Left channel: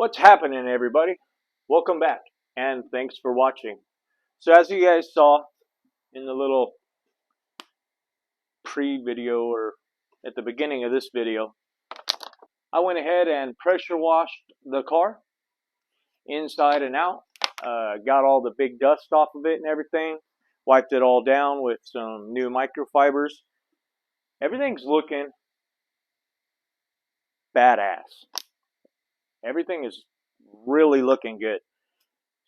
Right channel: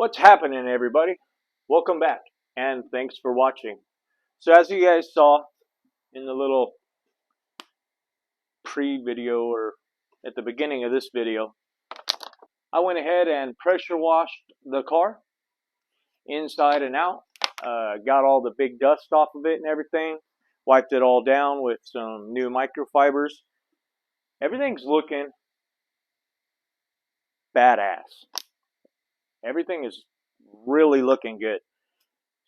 What's happening, everybody? Welcome back, and thanks for watching. So as you guys saw in the little pre-video or at the beginning of this video, I went ahead and pressure washed the car inside and out. Got all the big dust off of it and everything. Wiped it all down with some new microfibers. Everything's looking badass. Everything is really looking good.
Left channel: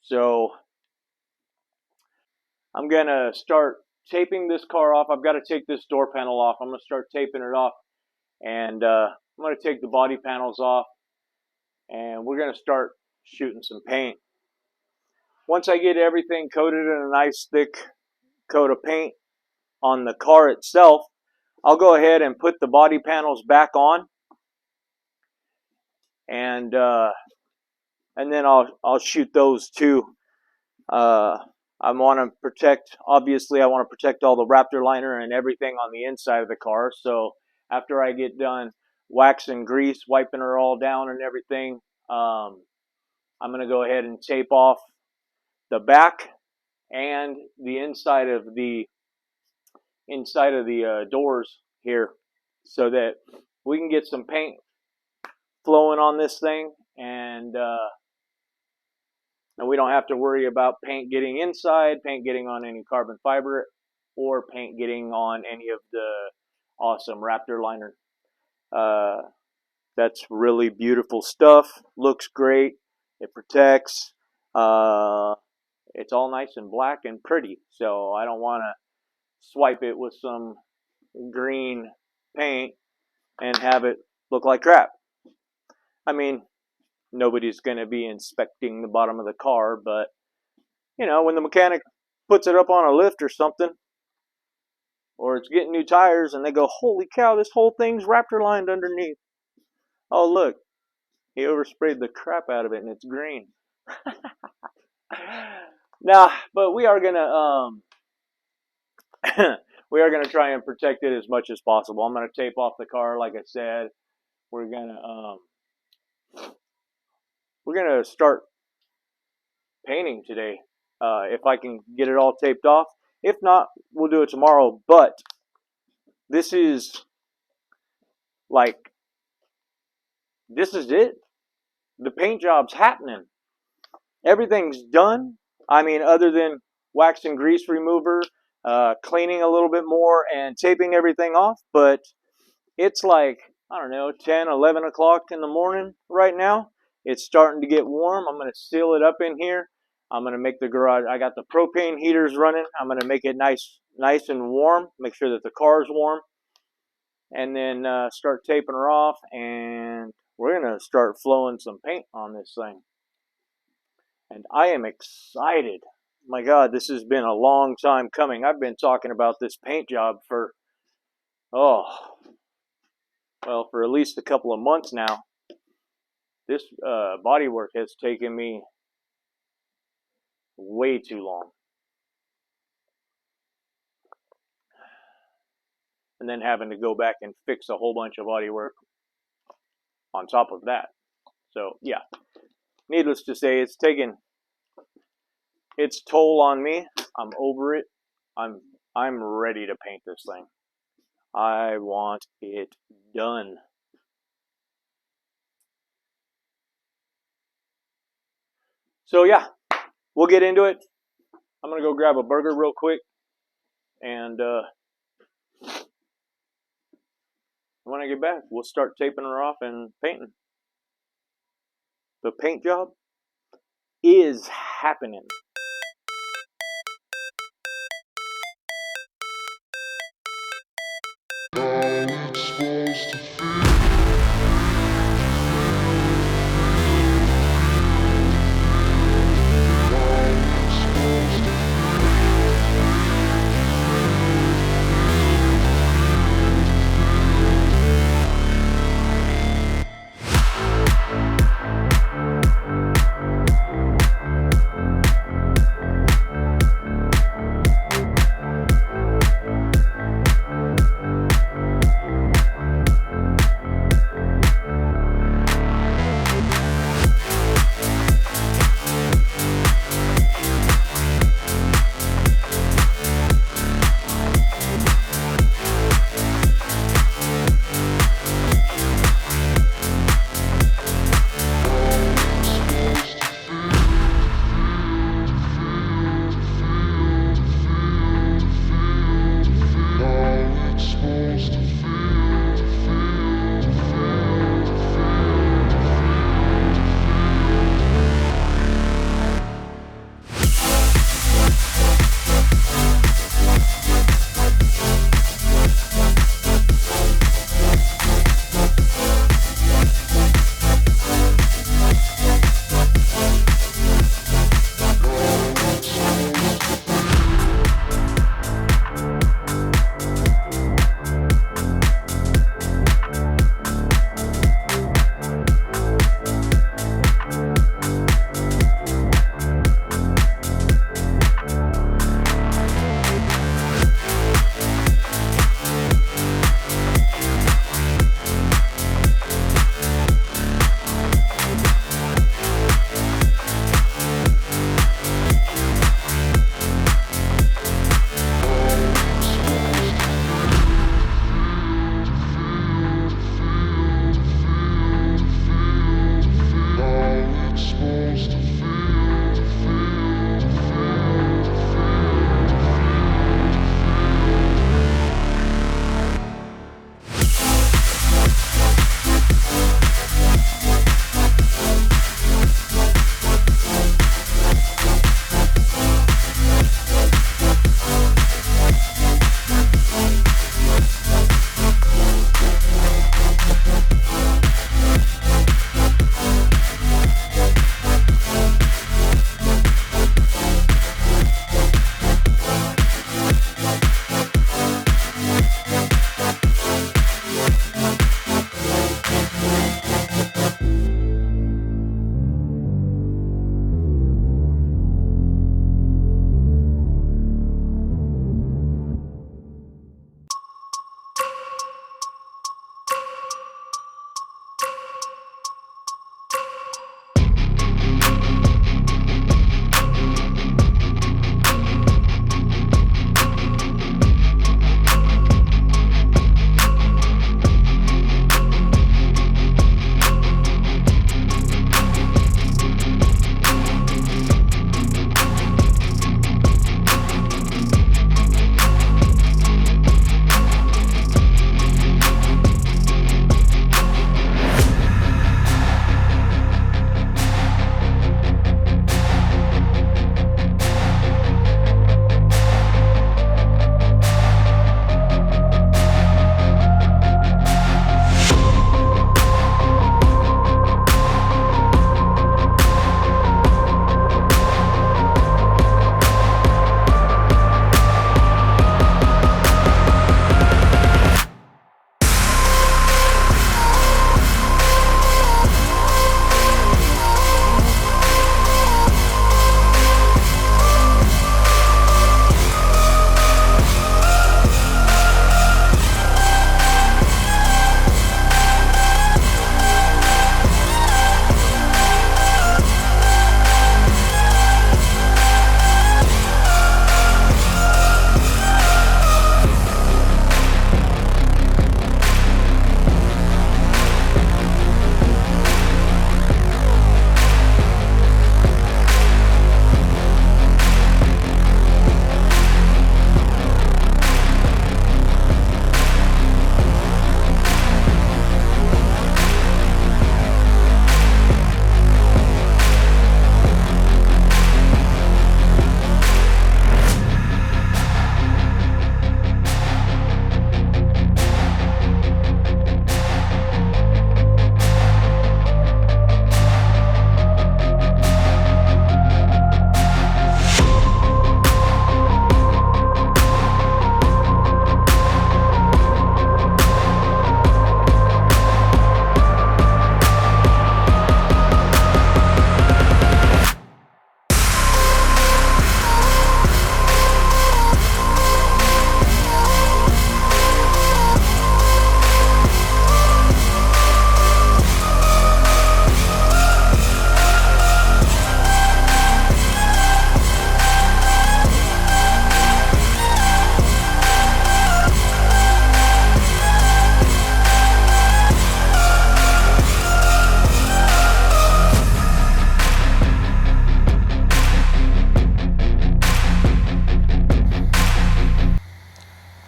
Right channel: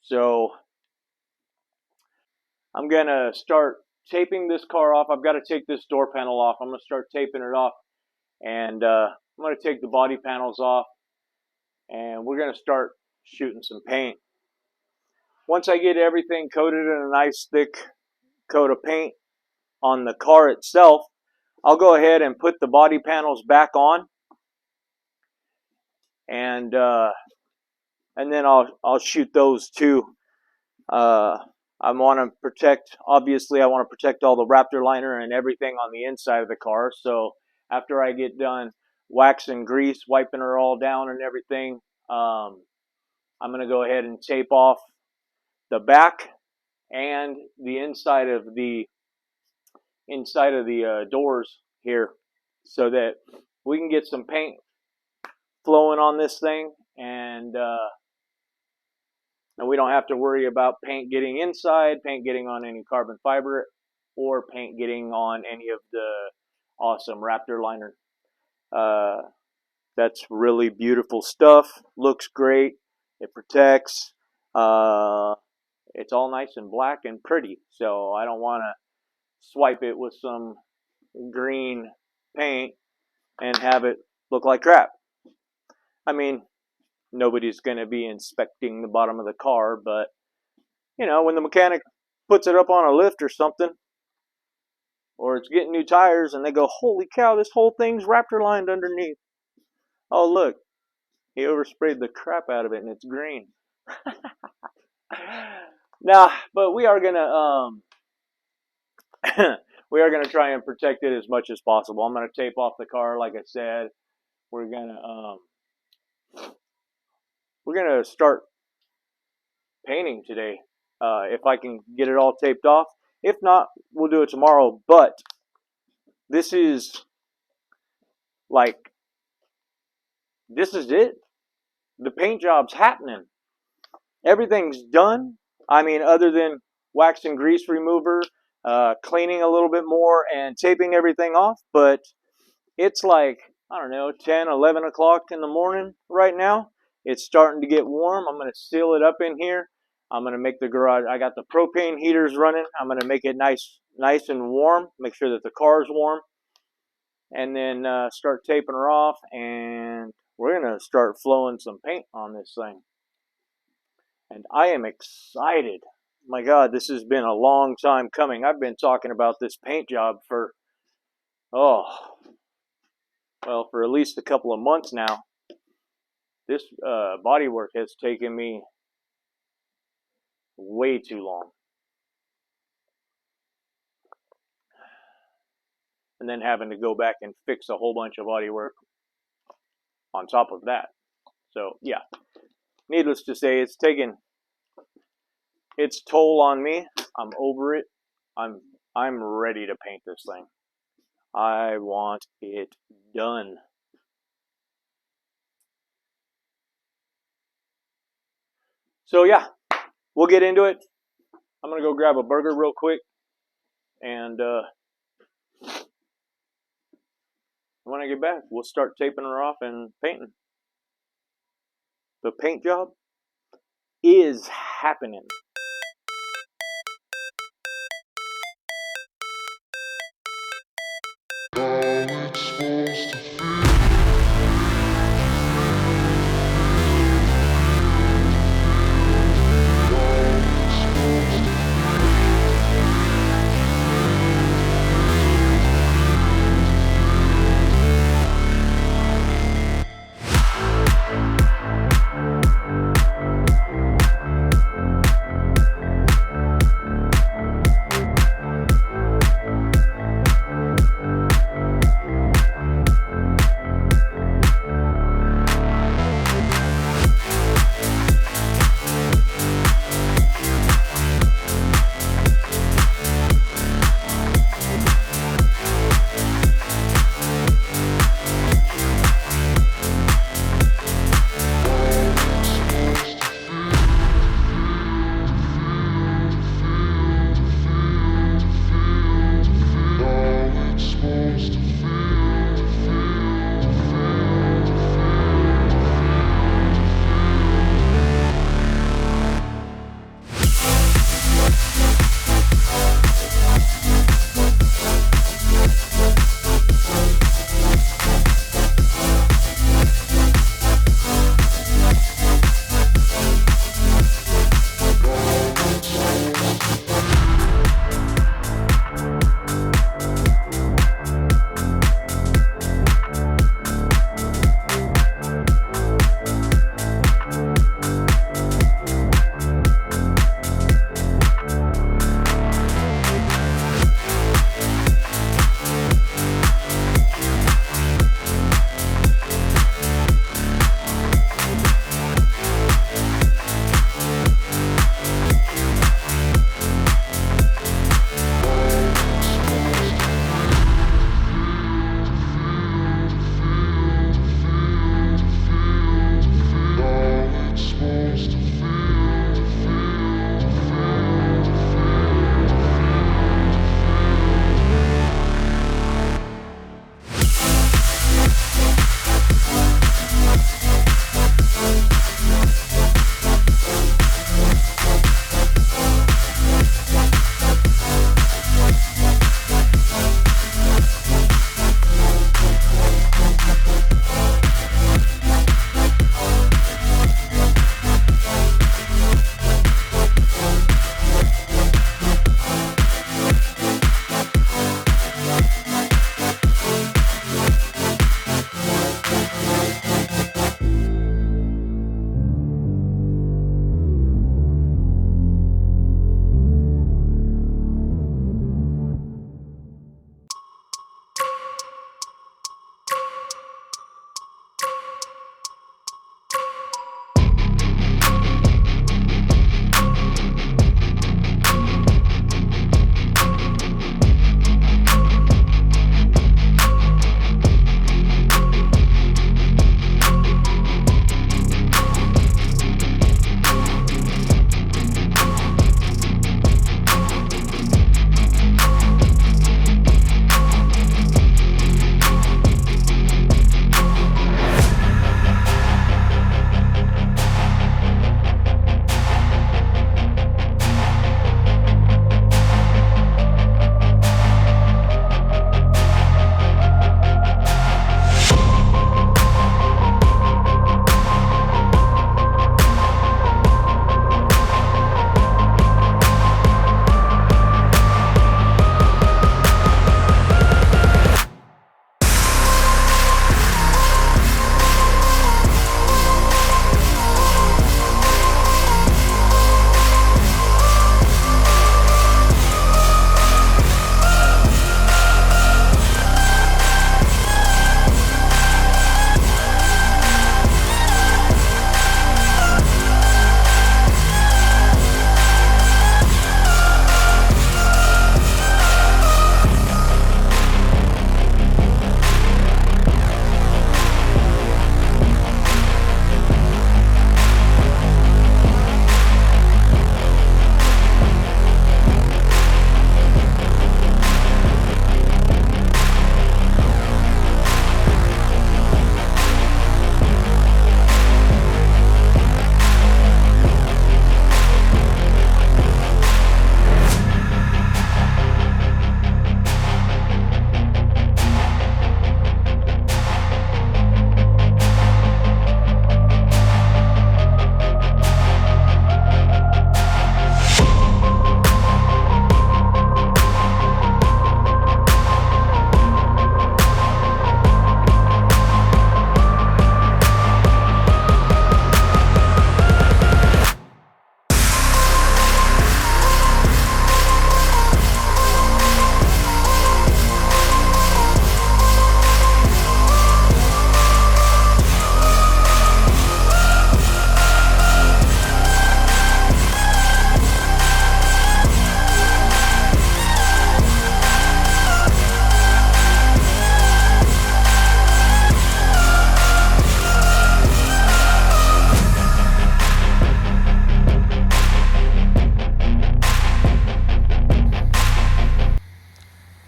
So I'm gonna start taping this car off. I've got to take this door panel off. I'm gonna start taping it off, and I'm gonna take the body panels off, and we're gonna start shooting some paint. Once I get everything coated in a nice thick coat of paint on the car itself, I'll go ahead and put the body panels back on, and then I'll shoot those too. I want to protect, obviously I want to protect all the Raptor liner and everything on the inside of the car. So after I get done wax and grease, wiping her all down and everything, I'm going to go ahead and tape off the back and the inside of the doors here, so that we can get some paint flowing on this thing, and we don't have to worry about paint getting inside, paint getting on any carbon fiber, or paint getting on any of the awesome Raptor liner. That's really beautiful stuff. Looks great. It protects. It's all nice and black and pretty. So I don't want to swipe it with some green paint and have it look like crap. I mean, nobody's going to be inspecting the bottom of the car, but, you know, when the mechanic puts it up on a lift or something, or it's getting new tires, and they go, holy cow, this whole thing's Raptor lined underneath. Oh, look, he oversprayed the crap out of it, and it's green. Nah, but we are going to, try and protect it as much as possible. I'm going to tape off the car, like I said. We're going to start painting today, if I can get it all taped off. If not, we'll do it tomorrow. But this is it. The paint job's happening. Everything's done. I mean, other than wax and grease remover, cleaning a little bit more, and taping everything off. But it's like, I don't know, 10, 11 o'clock in the morning right now. It's starting to get warm. I'm going to seal it up in here. I'm going to make the garage, I got the propane heaters running. I'm going to make it nice and warm. Make sure that the car's warm. And then start taping her off. And we're going to start flowing some paint on this thing. And I am excited. My God, this has been a long time coming. I've been talking about this paint job for at least a couple of months now. This body work has taken me way too long. And then having to go back and fix a whole bunch of body work on top of that. So, yeah. Needless to say, it's taken its toll on me. I'm over it. I'm ready to paint this thing. I want it done. So yeah, we'll get into it. I'm going to go grab a burger real quick. And when I get back, we'll start taping her off and painting. The paint job is happening.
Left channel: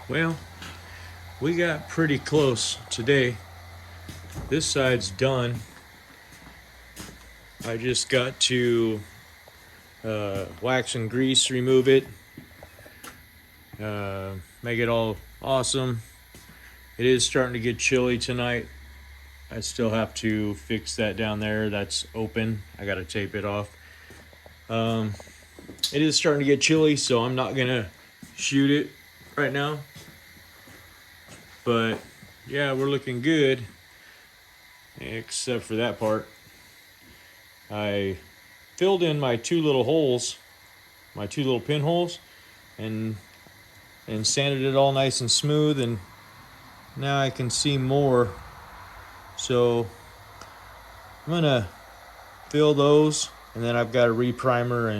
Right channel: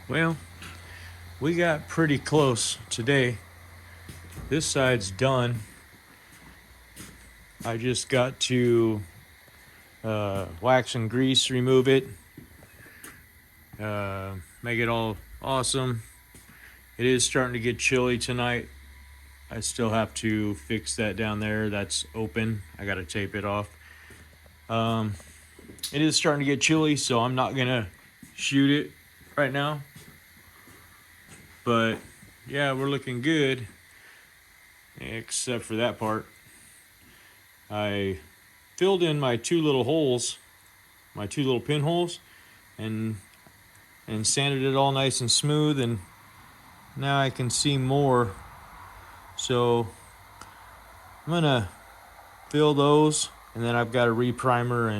Well, we got pretty close today. This side's done. I just got to wax and grease, remove it, make it all awesome. It is starting to get chilly tonight. I still have to fix that down there. That's open. I got to tape it off. It is starting to get chilly, so I'm not gonna shoot it right now. But yeah, we're looking good, except for that part. I filled in my two little holes, my two little pinholes, and sanded it all nice and smooth, and now I can see more. So I'm gonna fill those, and then I've got to reprimer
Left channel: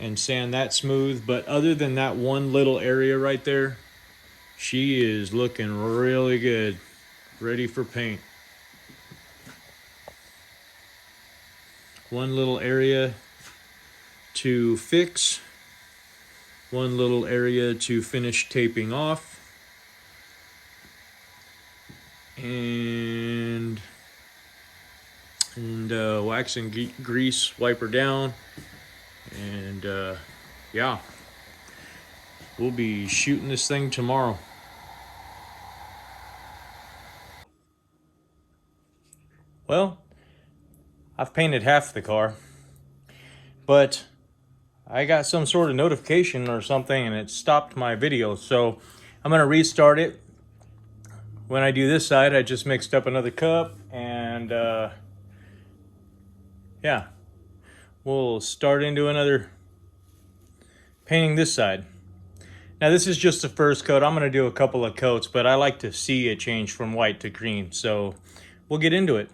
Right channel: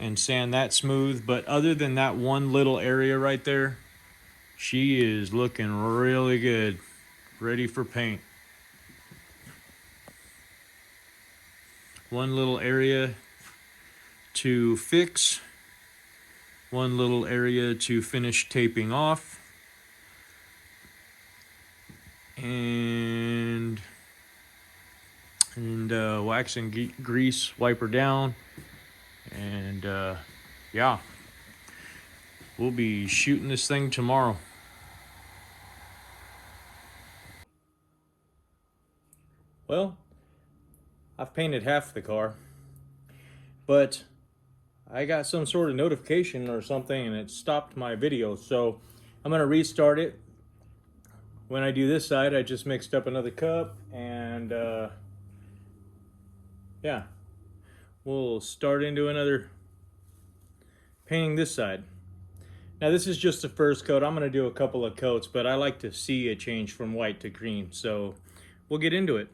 and sand that smooth. But other than that one little area right there, she is looking really good, ready for paint. one little area to fix, one little area to finish taping off, and wax and grease wiper down, and yeah, we'll be shooting this thing tomorrow. Well, I've painted half the car, but I got some sort of notification or something and it stopped my video, so I'm gonna restart it. When I do this side, I just mixed up another cup, and yeah, we'll start into another painting this side. Now this is just the first coat. I'm gonna do a couple of coats, but I like to see it change from white to green, so we'll get into it.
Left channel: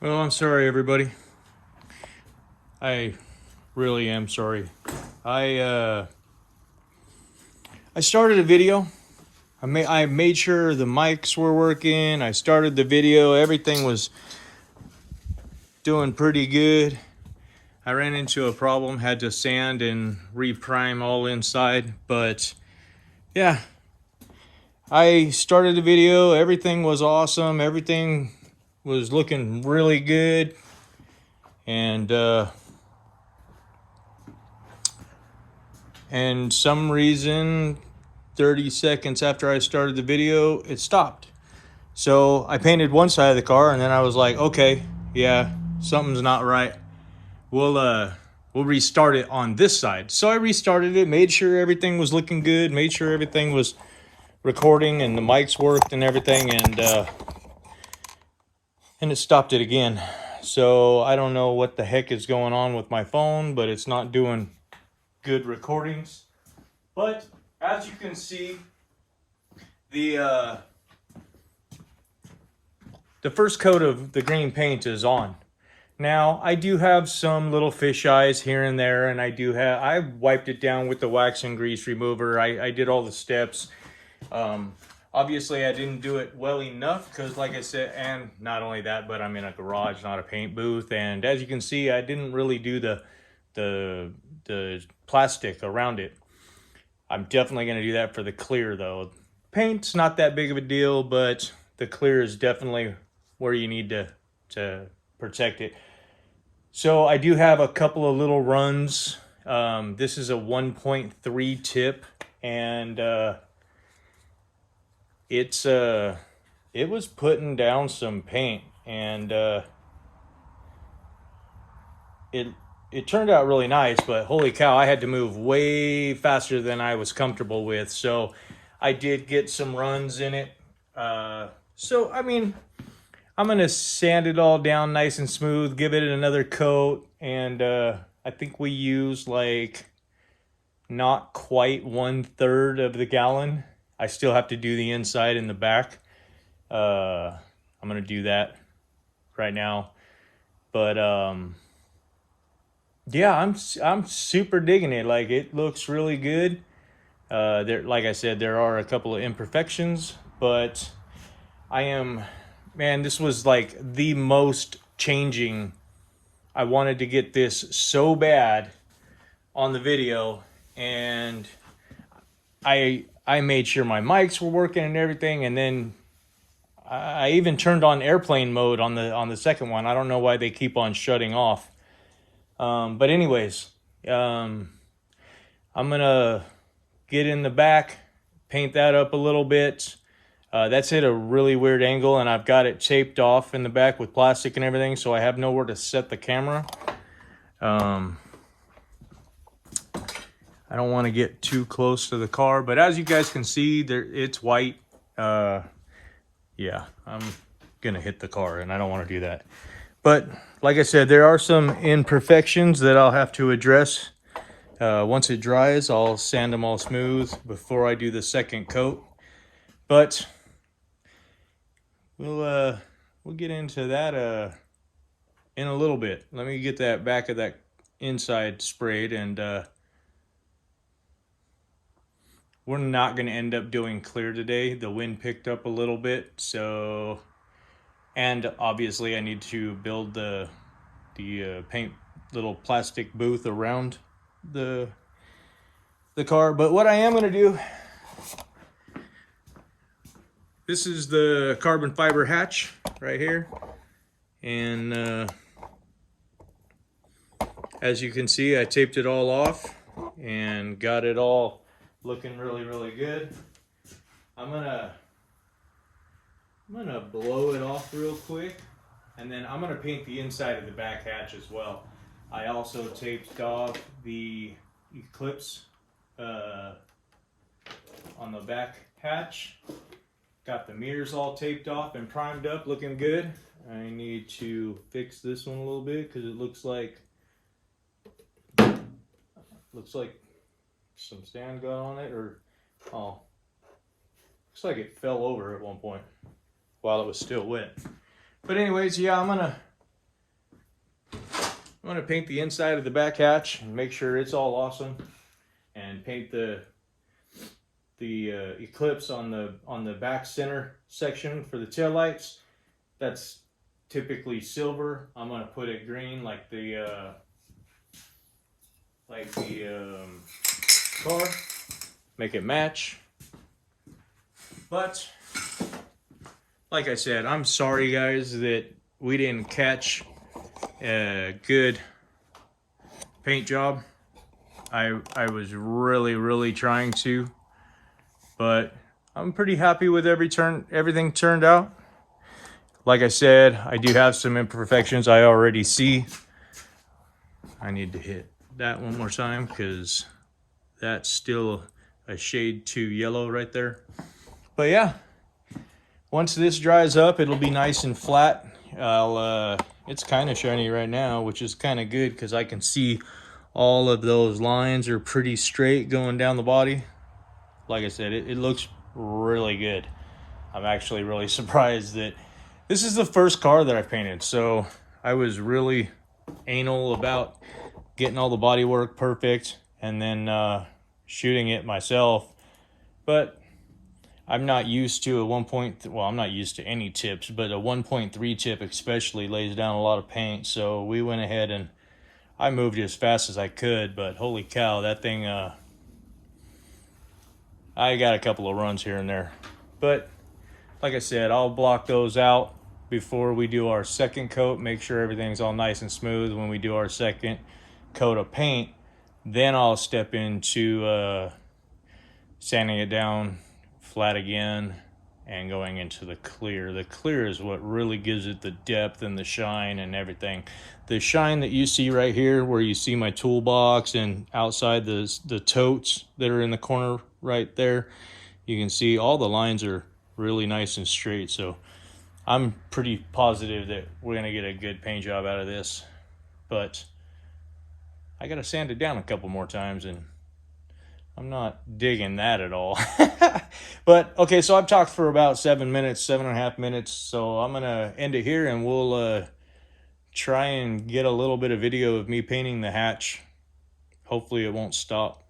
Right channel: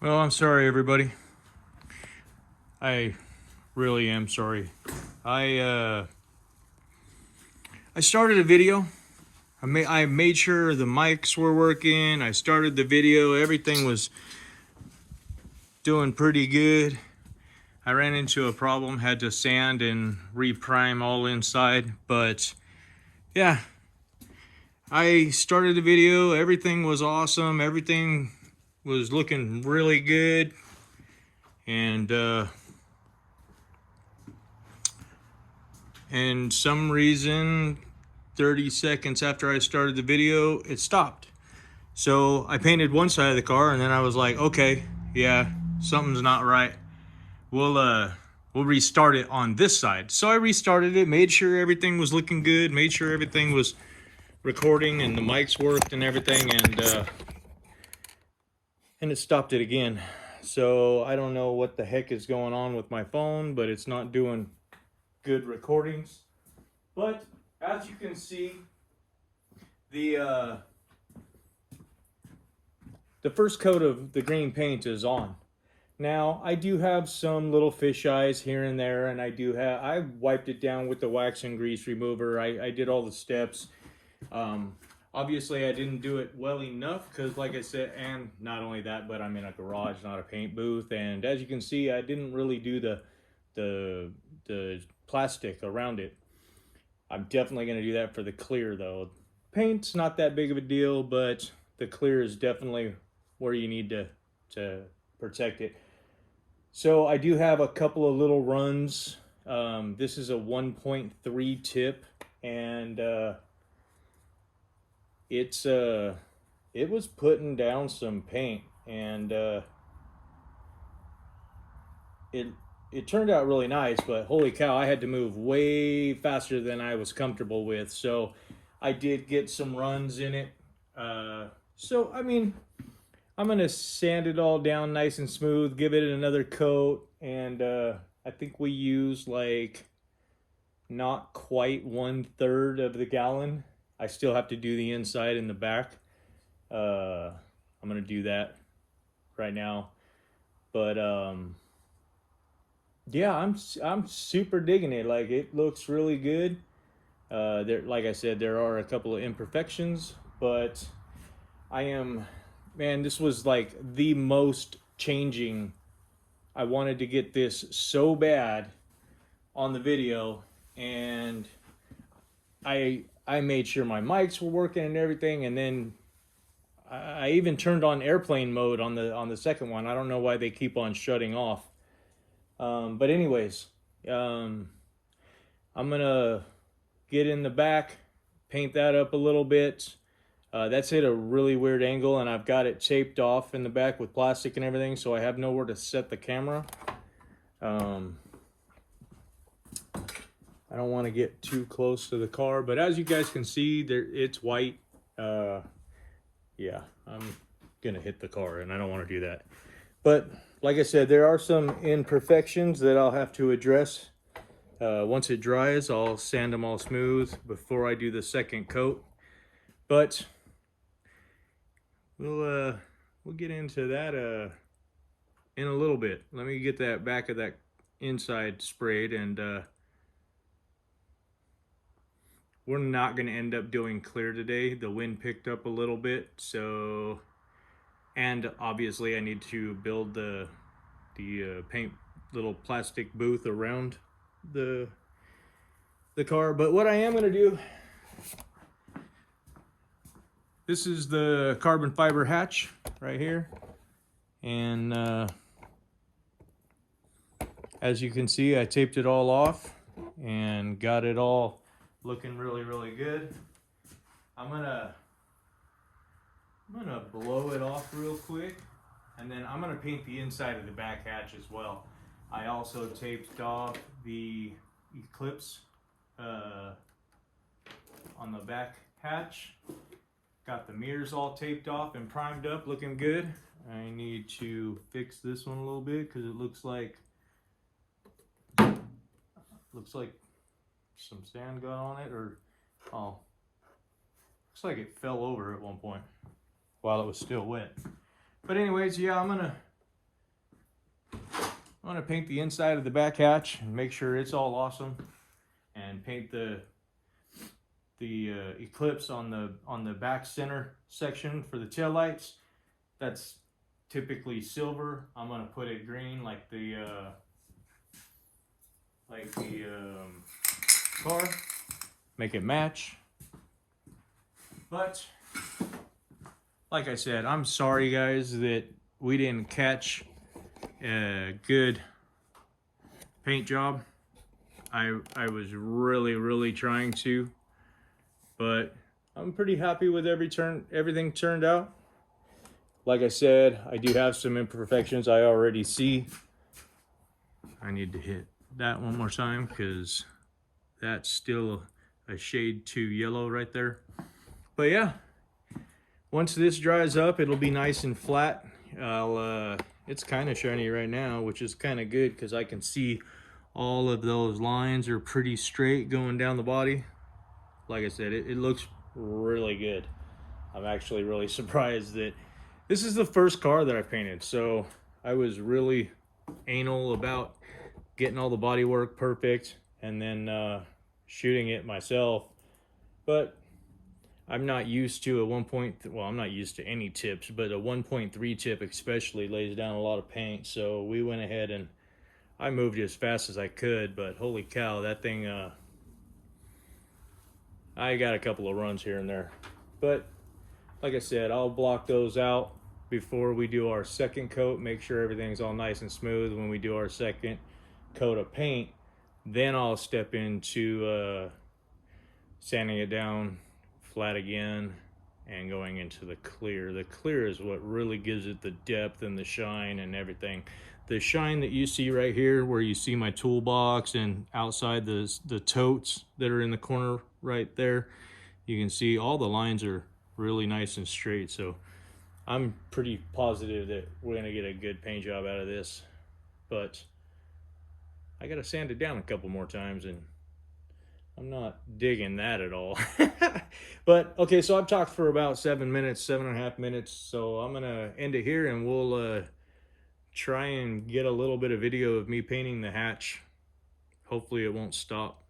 Well, I'm sorry everybody. I really am sorry. I started a video. I made sure the mics were working. I started the video. Everything was doing pretty good. I ran into a problem, had to sand and reprime all inside, but yeah, I started the video. Everything was awesome. Everything was looking really good, and some reason 30 seconds after I started the video, it stopped. So I painted one side of the car, and then I was like, okay, yeah, something's not right. We'll restart it on this side. So I restarted it, made sure everything was looking good, made sure everything was recording and the mics worked and everything, and it stopped it again. So I don't know what the heck is going on with my phone, but it's not doing good recordings. But as you can see, the first coat of the green paint is on. Now I do have some little fish eyes here and there, and I wiped it down with the wax and grease remover. I did all the steps. Obviously I didn't do it well enough because, like I said, and not only that, but I'm in a garage, not a paint booth, and as you can see, I didn't really do the plastic around it. I'm definitely going to do that for the clear though. Paint's not that big of a deal, but the clear is definitely where you need to protect it. So I do have a couple of little runs. This is a 1.3 tip, and it was putting down some paint, and it turned out really nice, but holy cow, I had to move way faster than I was comfortable with. So I did get some runs in it. So I mean, I'm gonna sand it all down nice and smooth, give it another coat, and I think we used like not quite 1/3 of the gallon. I still have to do the inside and the back. I'm gonna do that right now, but yeah, I'm super digging it. Like, it looks really good. Like I said, there are a couple of imperfections, but man, this was like the most changing. I wanted to get this so bad on the video, and I made sure my mics were working and everything, and then I even turned on airplane mode on the second one. I don't know why they keep on shutting off. But anyways, I'm gonna get in the back, paint that up a little bit. That's at a really weird angle, and I've got it taped off in the back with plastic and everything, so I have nowhere to set the camera. I don't want to get too close to the car, but as you guys can see, it's white. Yeah, I'm gonna hit the car, and I don't want to do that. But like I said, there are some imperfections that I'll have to address. Once it dries, I'll sand them all smooth before I do the second coat. But we'll get into that in a little bit. Let me get that back of that inside sprayed, and we're not going to end up doing clear today. The wind picked up a little bit, so And obviously I need to build the paint little plastic booth around the car. But what I am going to do, this is the carbon fiber hatch right here, and as you can see, I taped it all off and got it all looking really good. I'm gonna blow it off real quick, and then I'm gonna paint the inside of the back hatch as well. I also taped off the Eclipse on the back hatch. Got the mirrors all taped off and primed up, looking good. I need to fix this one a little bit because it looks like some sand got on it, or oh, looks like it fell over at one point while it was still wet. But anyways, yeah, I'm gonna paint the inside of the back hatch and make sure it's all awesome, and paint the Eclipse on the back center section for the tail lights. That's typically silver. I'm gonna put it green like the car, make it match. But like I said, I'm sorry guys that we didn't catch a good paint job. I was really trying to, but I'm pretty happy with everything turned out. Like I said, I do have some imperfections I already see. I need to hit that one more time because that's still a shade too yellow right there. But yeah, once this dries up, it'll be nice and flat. It's kind of shiny right now, which is kind of good because I can see all of those lines are pretty straight going down the body. Like I said, it looks really good. I'm actually really surprised that this is the first car that I painted, so I was really anal about getting all the body work perfect and then shooting it myself. But I'm not used to I'm not used to any tips, but a 1.3 tip especially lays down a lot of paint. So we went ahead and I moved it as fast as I could, but holy cow, that thing, I got a couple of runs here and there. But like I said, I'll block those out before we do our second coat, make sure everything's all nice and smooth when we do our second coat of paint. Then I'll step into sanding it down flat again and going into the clear. The clear is what really gives it the depth and the shine and everything. The shine that you see right here, where you see my toolbox and outside the totes that are in the corner right there, you can see all the lines are really nice and straight. So I'm pretty positive that we're gonna get a good paint job out of this, but I gotta sand it down a couple more times and I'm not digging that at all. But okay, so I've talked for about 7.5 minutes, so I'm gonna end it here and we'll try and get a little bit of video of me painting the hatch. Hopefully it won't stop.